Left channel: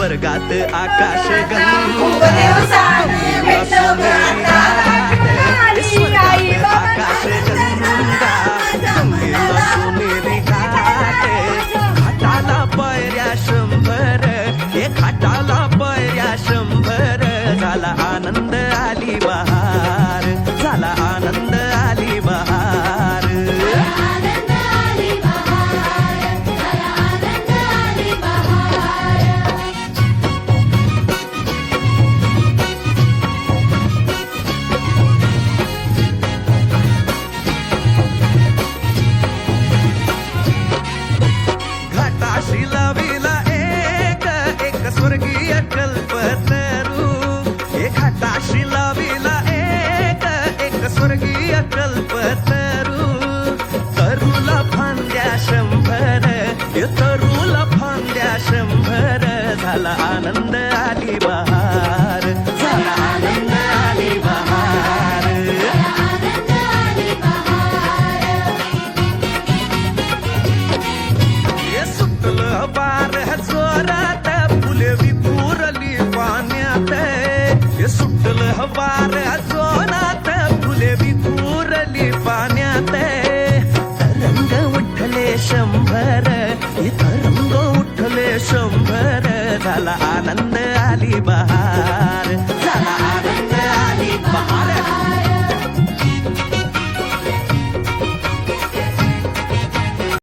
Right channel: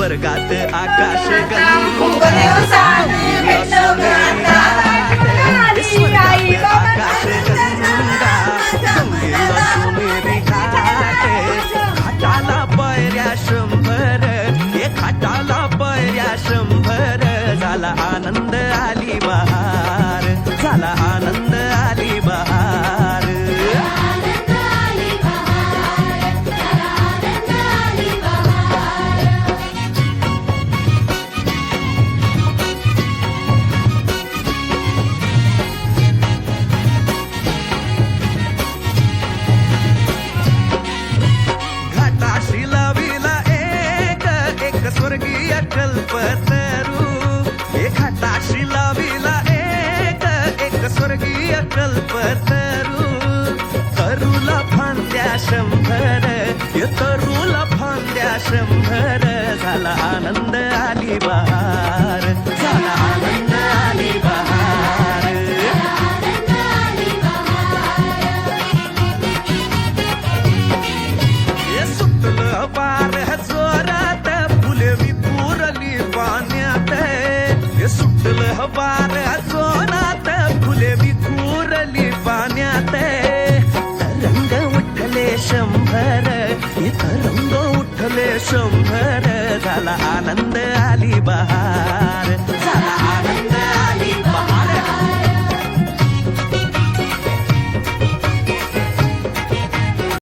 स्वर्गात आकाश गंगा सोनेरी घाट स्वर्गात आकाश गंगा गंगेला सोनेरी घाट घाटाला पायऱ्या 100 हे घाटाला पायऱ्या 100 झाला आनंद आली बहार झाला आनंद आली बहार घाटाशी लाविला एक स्वर्गीय कल्पतरू हे घाटाशी लाविला एक स्वर्गीय कल्पतरू तरुला फांद्या 100 हे तरुला फांद्या 100 झाला आनंद आली बहार झाला आनंद आली बहार सुटलं वार जोरात फुले विखुरली पाण्यात हे सुटलं वार जोरात फुले विखुरली पाण्यात तरंग उठले 100 हे तरंग उठले 100 झाला आनंद आली बहार झाला आनंद आली बहार